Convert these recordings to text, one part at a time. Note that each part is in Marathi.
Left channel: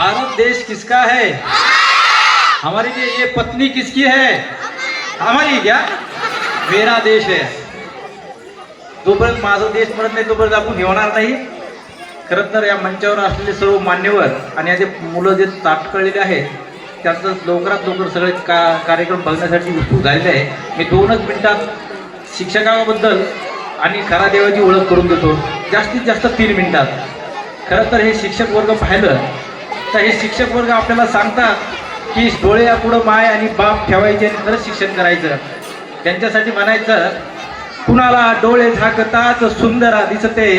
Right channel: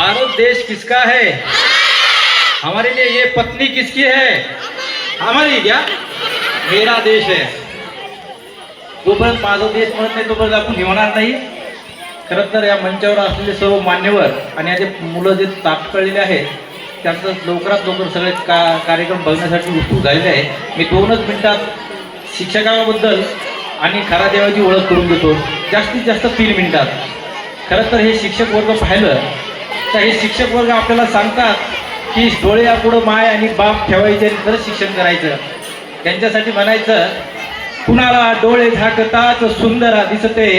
भारत देश किसका है? हमारे लिए ये पत्नी किसकी है? हमारी क्या? मेरा देश है. जोपर्यंत माझा देश म्हणत नाही तोपर्यंत आपण घेणार नाही. खरं तर या मंचावर असलेले सर्व मान्यवर आणि जे मुलं जे तापकळलेले आहेत त्यांचं लवकरात लवकर सगळे कार्यक्रम बघण्यासाठी उत्सुक झालेले आहे. मी 2च मिनिटात शिक्षकाबद्दल आणि खरा देवाची ओळख करून देतो. जास्तीत जास्त 3 मिनिटात. खरं तर हे शिक्षक वर्ग पाहिलं तर हे शिक्षक वर्ग आपल्याला सांगतात की डोळे या पुढं माय आणि बाप ठेवायचे आणि खरंच शिक्षण करायचं. त्यांच्यासाठी म्हणायचं, कुणाला डोळे झाकतात सुंदरा दिसते,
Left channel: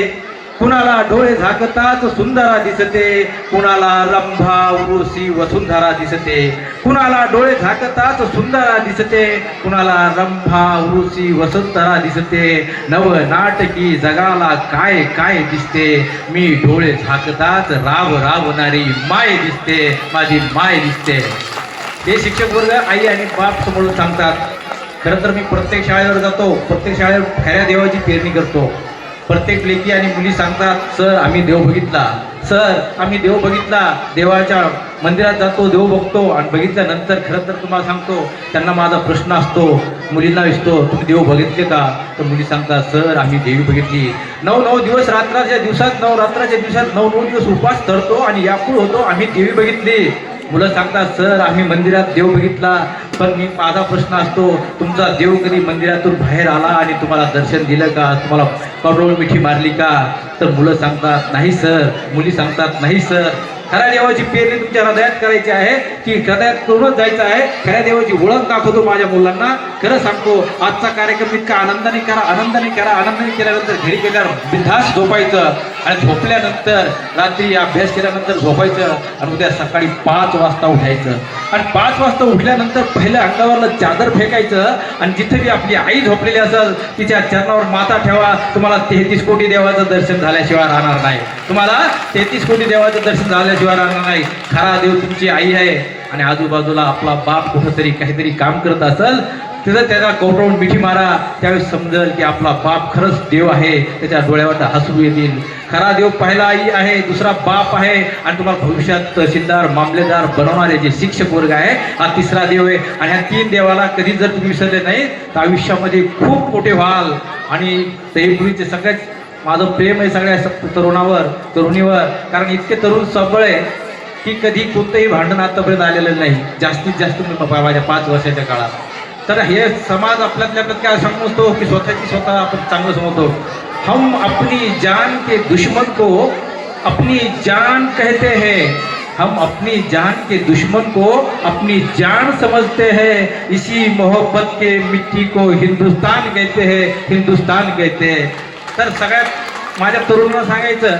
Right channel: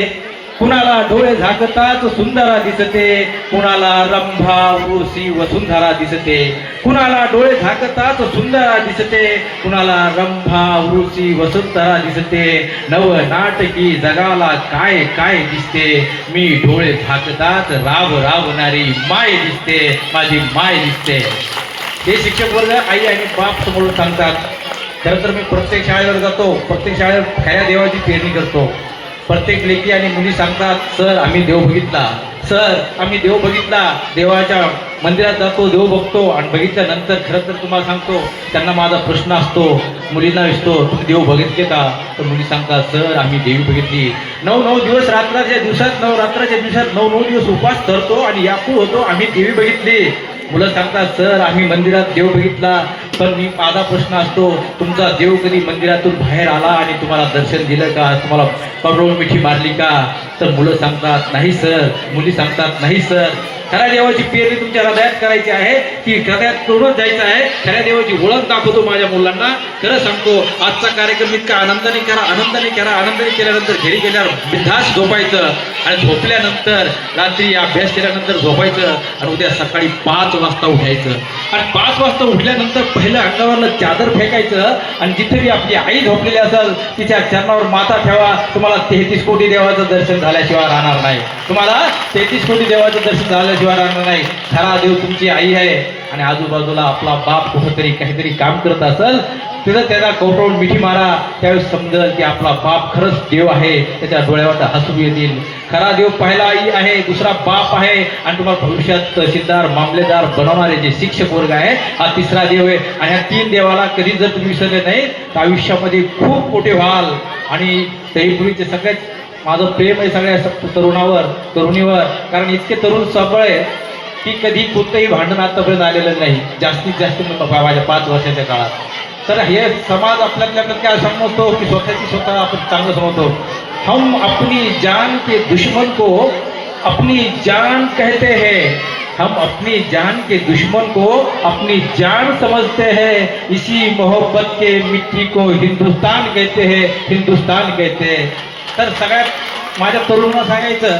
कुणाला डोळे झाकतात सुंदरा दिसते, कुणाला रंभा उर्वशी वसुंधरा दिसते, कुणाला डोळे झाकतात सुंदरा दिसते, कुणाला रंभा उर्वशी वसुंधरा दिसते. नव नाटकी जगाला काय काय दिसते, मी डोळे झाकतात राव रावणारी माय दिसते, माझी माय दिसते. हे शिक्षक वर्ग आई आणि बाप समोर सांगतात. खरं तर मी प्रत्येक शाळेवर जातो, प्रत्येक शाळेवर खऱ्या देवाची पेरणी करतो. प्रत्येक लेकी आणि मुली सांगतात, सर आम्ही देव बघितला, सर आम्ही देव बघितला. देवाच्या मंदिरात जातो, देव बघतो आणि बघितल्यानंतर खरं तर तुम्हाला सांगतो त्यांना माझा प्रश्न असतो, मुलींना विचारतो, तुम्ही देव बघितले का? तर मुली सांगतात, सर आम्ही देवी बघितली. 9 दिवस रात्राच्या दिवसात 9 रात्राच्या दिवसात 9 दिवस उपवास धरतो आणि यापूर होतो, आम्ही देवी बघितली. मुलं सांगतात, सर आम्ही मंदिरात देव बघितला. पण मी माझा प्रश्न असतो, तुमचा देव कधी मंदिरातून बाहेर आला आणि तुम्हाला दर्शन दिलं का? तुम्हाला करोड मिठी मारली का? तर मुलं सांगतात नाही सर, मुली सांगतात नाही सर. खऱ्या देवाची पेरणी तुमच्या हृदयात करायची आहे की हृदयात तोडून जायचं आहे. खऱ्या देवाची ओळख दाखवतो माझ्या मुलांना. खरं सांगतो, आजचा कार्यक्रम इतका आनंदाने करा, आनंदाने करा. आनंदाने केल्यानंतर घरी गेल्यावर बिनधास्त झोपायचं आणि झोपल्यानंतर रात्री अभ्यास केल्यानंतर झोपायचं आणि उद्या सकाळी 5 वाजता उठायचं. आणि 5 वाजता उठल्यानंतर पहिलं अंगावरलं चादर फेकायचं आणि जिथे आपली आई झोपलेली असेल तिच्या चरणावर माथा ठेवा. तुम्हाला 33 कोटी देवाचं दर्शन झाल्याशिवाय राहणार नाही. तुम्हाला 33 कोटी देवाचं दर्शन झाल्याशिवाय राहणार नाही. खरा देव तुमची आई आहे आणि आजूबाजूला आपला बाप कुठंतरी काहीतरी काम करत असेल तिथं त्याला कौटवून मिठी मारा. त्यावेळेस समजेल की आपला बाप खरंच देव आहे. त्याच्या डोळ्यावर हसू येतील. खरा देव पहिला आई आहे, दुसरा बाप आहे आणि तुम्हाला भविष्यात तहसीलदार मामलेदार बनवणारे जे शिक्षक वर्ग आहे हा तिसरा देव आहे. आणि ह्या 3 देवाला कधी जर तुम्ही विसरले नाही तर आयुष्यामध्ये खूप मोठे व्हाल. आणि तरीपुरीचे सगळ्यात माझं प्रेम आहे सगळ्या तरुणावर तरुणीवर, कारण इतके तरुण सबळ आहे की कधी कोणतंही भांडण आतापर्यंत आलेलं नाही. जास्तीत जास्त मी माझ्या 5 वर्षाच्या काळात. तर हे समाज आपल्यातल्या काय समजतो की स्वतः आपण चांगलं समजतो. हम अपनी जान के दुश्मन को अपनी जान कहते हैं, हम अपनी जान के दुश्मन को अपनी जान समझते हैं. इसी मोहब्बत के मिट्टी को हिंदुस्तान कहते हैं, हिंदुस्तान कहते हैं. तर सगळ्यात माझ्या तरुणांना सांगायचं,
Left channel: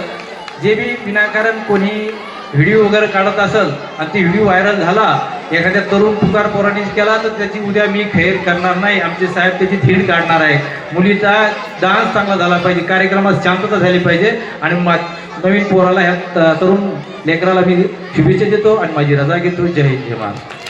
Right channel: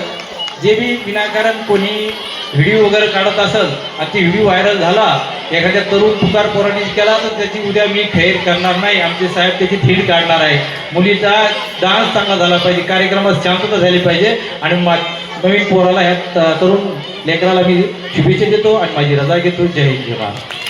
जे बी विनाकारण कोणी व्हिडिओ वगैरे काढत असेल आणि ती व्हिडिओ व्हायरल झाला, एखाद्या तरुण पुकार पोरांनी केला तर त्याची उद्या मी खैर करणार नाही. आमचे साहेब त्याची थीड काढणार आहे. मुलीचा डान्स चांगला झाला पाहिजे, कार्यक्रमात शांतता झाली पाहिजे. आणि नवीन पोराला ह्या तरुण लेकराला मी शुभेच्छा देतो आणि माझी रजा घेतो. जय हिंद, जय महाराष्ट्र.